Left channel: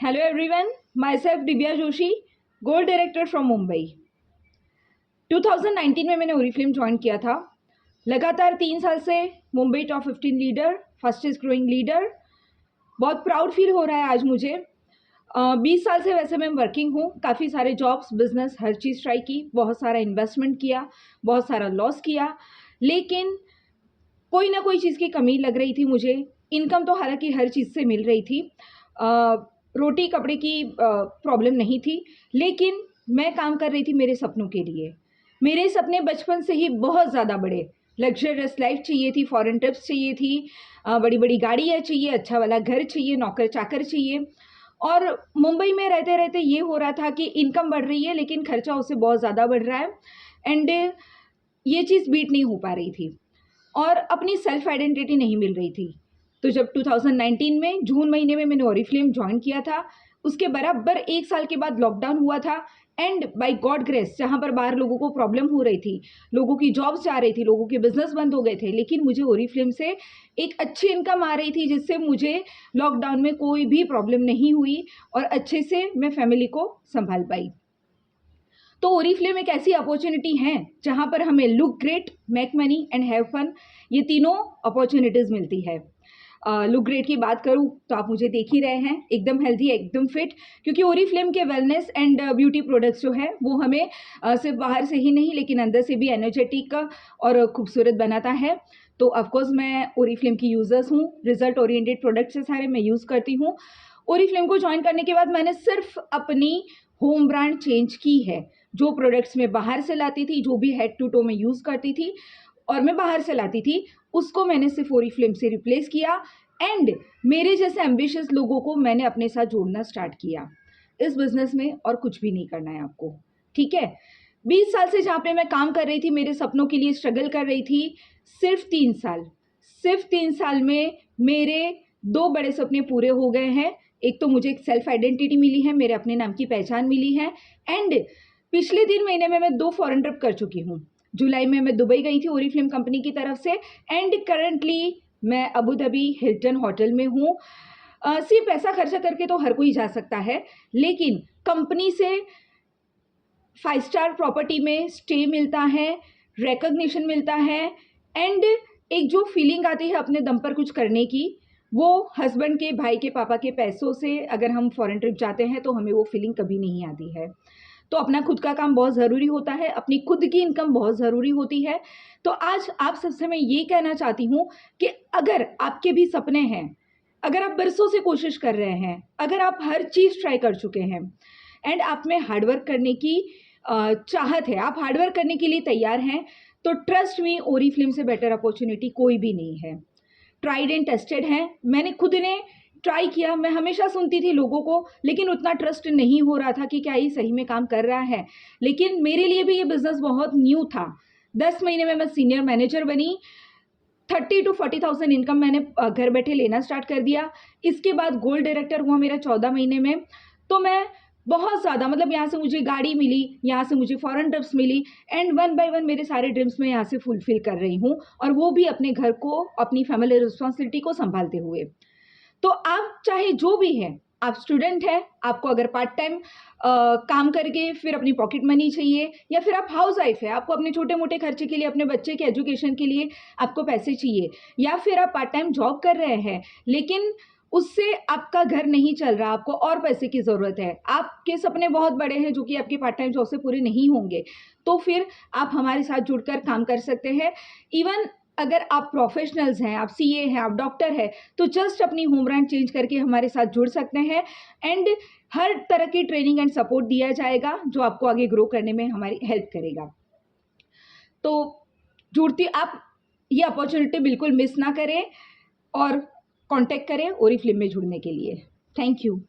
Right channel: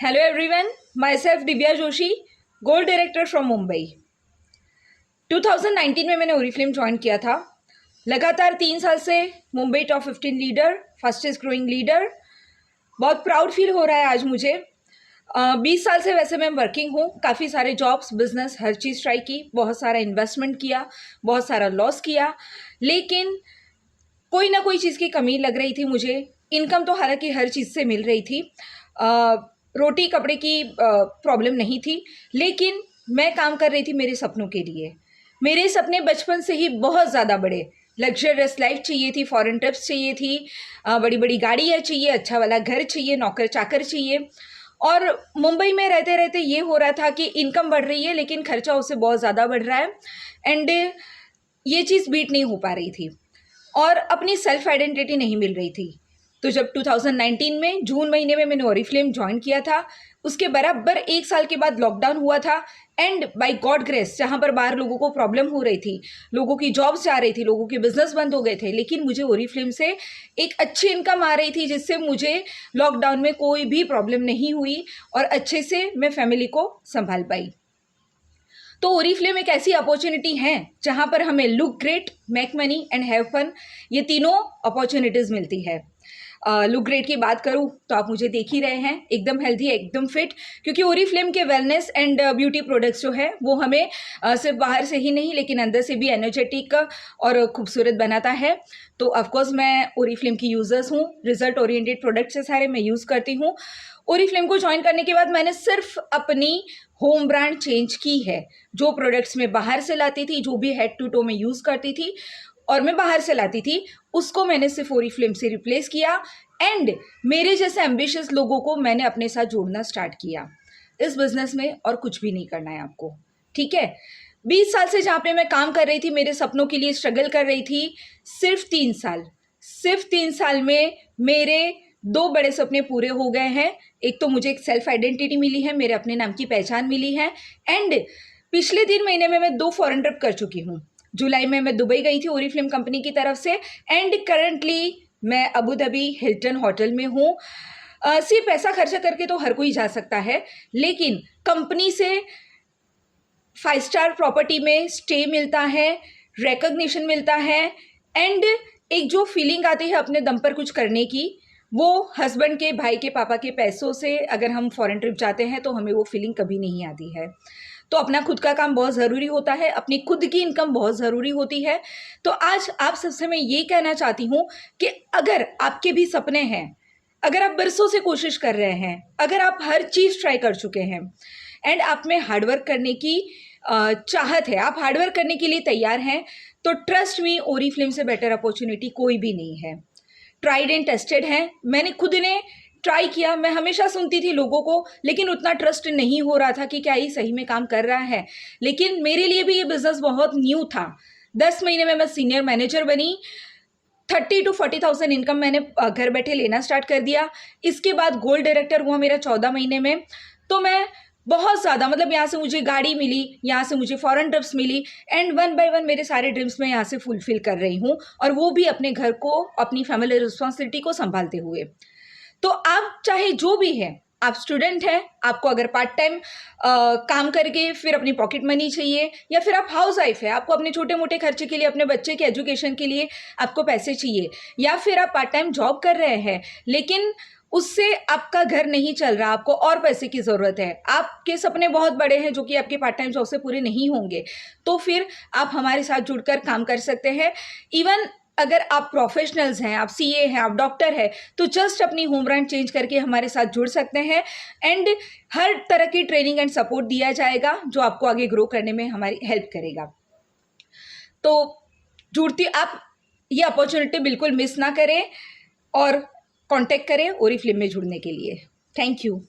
Hello everyone, myself Divya Joshi, gold director from Mumbai. 2019 में मैंने Oriflame join किया था। लगातार 3 साल से Mumbai top 15 leader, fastest growing leader. बहुत प्राउड फील हो रहा है आज मुझे। 20 साल से वैसे मैं वर्किंग हूँ, काफ़ी सारे जॉब्स, बिजनेस, हर चीज़ ट्राई की, बहुत सारा इन्वेस्टमेंट किया, बहुत सारा लॉस किया, लेकिन कोई ना कोई चीज़ की कमी लग रही थी मुझे। इनकम तो हालांकि हर चीज़ से मिल रही थी, रोटी कपड़े की प्रॉब्लम नहीं थी, लेकिन मैं काम कर रही थी मेरे सपनों के लिए। मेरे सपने बचपन से ही बहुत ज़्यादा बड़े, लग्जरियस लाइफ चाहिए थी, फॉरेन ट्रिप्स चाहिए थी, बड़ी बड़ी गाड़ियाँ चाहिए, अच्छा वाला घर चाहिए, नौकर चाकर चाहिए। और मुंबई में रहते रहते ये हो रहा था कि इनकम बढ़ रही है लेकिन खर्चा उससे बहुत ज़्यादा बढ़ रहा है, एंड ये चीज़ बीट नहीं हो पा रही थी और अपनी सेल्फ आइडेंटिटी नहीं मिल रही थी। तो जब 2019 में जून महीने में मैंने ओरिफ्लेम ज्वाइन किया था, उसके बराबर 1 साल के बाद लॉकडाउन हुआ था, एंड बाय गॉड ग्रेस जहाँ पर बाहर लोगों को प्रॉब्लम हो रही थी, लोगों की जॉब्स जा रही थी, लोगों के बिजनेस बंद हो गए थे, लेकिन मुझे ओरिफ्लेम से एक अच्छी इनकम आ रही थी जिससे मुझे लॉकडाउन में कोई भी प्रॉब्लम नहीं हुई और अच्छे से मैं फैमिली को संभाल पाई। तो ओरिफ्लेम एक ऐसी अपॉर्चुनिटी है जहां पर हमें look great, make money and have fun, ये तीनों अपॉर्चुनिटीज़ मिलती है। लुक ग्रेट की बात करूं तो आप मुझे देख ही रहे हैं, एकदम हेल्दी, एकदम फिट, क्योंकि ओरिफ्लेम के वेलनेस एंड ब्यूटी प्रोडक्ट्स जो है वो हमें सिर्फ बाहर से ही नहीं लेकिन अंदर से भी एनर्जेटिक और खूबसूरत बनाता है। तो ऑफकोर्स मैं ओरिफ्लेम की यूज़र्स हूँ, रिजल्ट ओरिएंटेड प्रोडक्ट्स है सारे, मैं यूज़ करती हूँ। ओरिफ्लेम को ज्वाइन करने के बाद मैंने सिर्फ अपनी होम ब्रांड चेंज की है। जो प्रोडक्ट्स मैं बाहर से लाती थी, जो भी हेड टू टो में यूज़ करती थी और मैं बाहर से लाती थी, उसको मैंने सिर्फ ओरिफ्लेम से रिप्लेस किया, एंड मेरे जैसे एम्बिशियस लोगों को मैंने अपने साथ जोड़ना स्टार्ट किया। इस बिजनेस में और कुछ भी नहीं करना है आपको, ठीक है? 20 साल से जहाँ पे मैं काम कर रही थी, मेरे सपनों के लिए स्ट्रगल कर रही थी, सिर्फ 3 साल में मेरे 2 बड़े सपने पूरे हो गए हैं। एक तो मुझे एक सेल्फ आइडेंटिटी मिली है, मेरे अपने नाम की पहचान मिली है, एंड पिछले 3 महीने में मैं 2 फॉरेन ट्रिप कर चुकी हूँ। जुलाई में मैं दुबई गई थी ओरिफ्लेम कंपनी की तरफ से, एंड करंटली मैं अबू धाबी हिल्टन होटल में हूँ। सिर्फ पैसा खर्चा करके तो हर कोई जा सकता है, लेकिन कंपनी से 5 स्टार प्रॉपर्टी में स्टे मिलता है, रिकॉग्निशन मिलता है, एंड एक जो फीलिंग आती है अपने दम पर कुछ करने की, वो हस्बैंड के, भाई के, पापा के पैसों से अगर हम फॉरेन ट्रिप जाते हैं तो हमें वो फीलिंग कभी नहीं आती है। तो अपना खुद का काम बहुत ज़रूरी होता है, अपनी खुद की इनकम बहुत ज़रूरी होती है। तो आज आप सबसे मैं ये कहना चाहती हूँ कि अगर आपके भी सपने हैं, अगर आप बरसों से कोशिश कर रहे हैं, अगर आप हर चीज़ ट्राई कर चुके हैं, एंड आप में हार्डवर्क करने की चाहत है, आप हार्डवर्क करने के लिए तैयार हैं, तो ट्रस्ट मी, ओरिफ्लेम से बेटर अपॉर्चुनिटी कोई भी नहीं है। ट्राइड एंड टेस्टेड है, मैंने खुद ने ट्राई किया। मैं हमेशा सुनती थी लोगों को, लेकिन उतना ट्रस्ट नहीं हो रहा था कि क्या ये सही में काम कर रहा है। लेकिन मेरे लिए भी ये बिजनेस बहुत न्यू था। 10 महीने में मैं सीनियर मैनेजर बनी, 30 to 40,000 इनकम मैंने घर बैठे लेना स्टार्ट कर दिया। इसके बाद गोल्ड डायरेक्टर हुआ मेरा 14 महीने में। तो मैं बहुत ज़्यादा, मतलब यहाँ से मुझे गाड़ी मिली, यहाँ से मुझे फॉरेन ट्रिप्स मिली, एंड वन बाय वन मेरे सारे ड्रीम्स मैं यहाँ से फुलफिल कर रही हूँ, और वो भी अपने घर को, अपनी फैमिली रिस्पॉन्सिबिलिटी को संभालते हुए। तो आप चाहे जो भी है, आप स्टूडेंट हैं, आपको अगर पार्ट टाइम काम करके फिर अपनी पॉकेट मनी चाहिए, या फिर आप हाउस वाइफ है, आपको अपने छोटे मोटे खर्चे के लिए, अपने बच्चे के एजुकेशन के लिए आपको पैसे चाहिए, या फिर आप पार्ट टाइम जॉब कर रहे हैं लेकिन उससे आपका घर नहीं चल रहा, आपको और पैसे की ज़रूरत है, आपके सपने बहुत बड़े हैं जो कि आपके पार्ट टाइम जॉब से पूरे नहीं होंगे, तो फिर आप हमारे साथ जुड़कर काम कर सकते हैं। इवन अगर आप प्रोफेशनल्स हैं, आप सीए हैं, आप डॉक्टर हैं, तो जस्ट अपनी होम ब्रांड चेंज करके हमारे साथ जुड़ सकते हैं, एंड हर तरह की ट्रेनिंग एंड सपोर्ट दिया जाएगा जो आपको आगे ग्रो करने में हमारी हेल्प करेगा। तो जुड़ती आप ये अपॉर्चुनिटी बिल्कुल मिस ना करें और कांटेक्ट करें ओरिफ्लेम में जुड़ने के लिए। Thank you.